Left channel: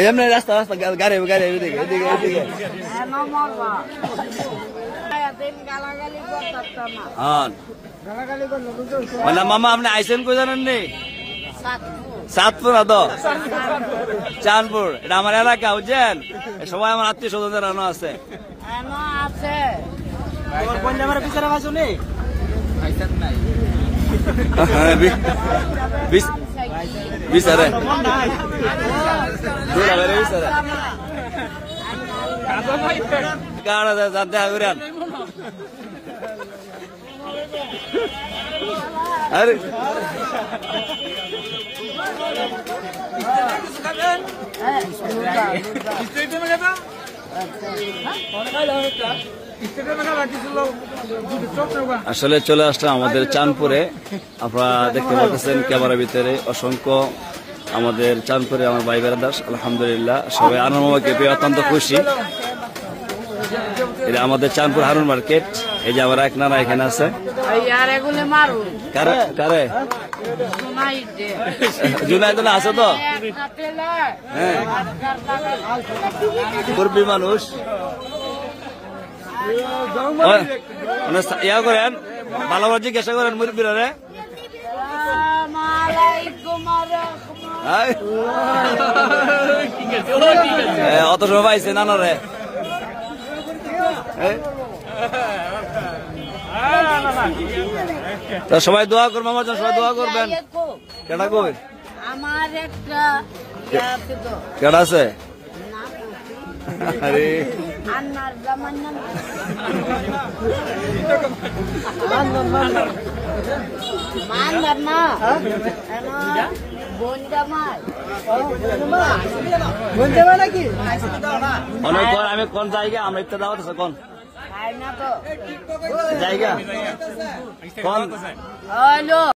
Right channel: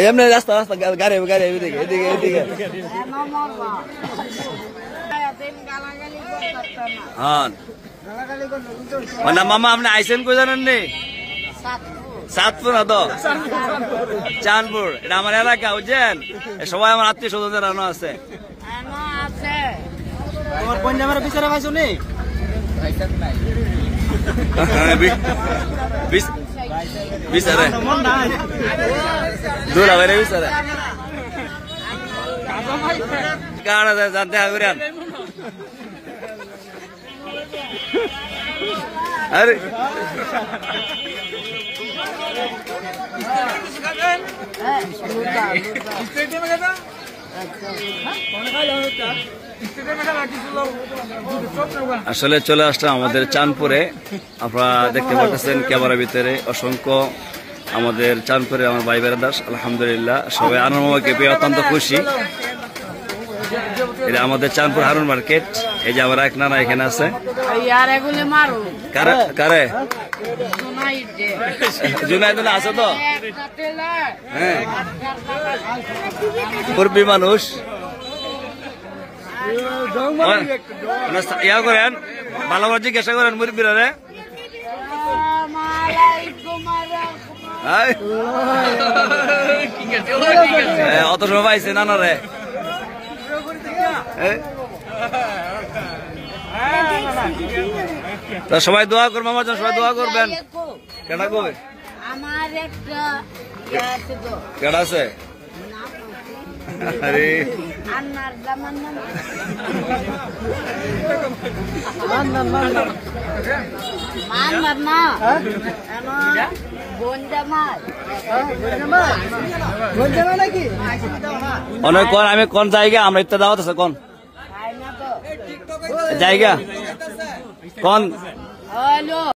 এমনি রাস্তা রাস্তা গাড়ি গাড়ি এদিকে এদিকে এদিকে হ্যাঁ মানে মামা আপনি আইসেন কই জানেন নি সাতপুর না তো চাঁদপুর এটা আমার এলাকা বুঝছেন সবাই আমার আত্মীয় স্বজনদের আনো আছে বিচারে দূরা বাইরে বিচারে কার জানতে আগুরান আরে আসলে চলে আসলাম আমাদের চাঁদপুরে আপনারা দেখতে পাচ্ছেন ক্যামেরার ভিতরে অসংখ্য আমাদের চাঁদপুরে আমার ভাই বেড়াদাস আলহামদুলিল্লাহ সবাই আনন্দকে পেয়ে অত্যন্ত খুশি এটা আমাদের চাঁদপুর হারুন মার্কেট এই যে আমার এক নানা এখানে আছে কারে জুনাইদ আছে তো হ্যাঁ মুরব্বী মানুষ ইয়া করেন ভালোভাবে জিজ্ঞাসা করেন মুরব্বীরা রে অত সময় পাইছে নানা রে তা সবাই দোয়া করবেন আমার জন্য সবাই দোয়া করবেন কেনা কই আমার একটা কেডা আছে আরে আন্নার জামান নাম আন্নার না অনেক কোন আমি কোন জায়গা আমরা ইত্যা দাওয়াত আছে কোন জায়গা কোন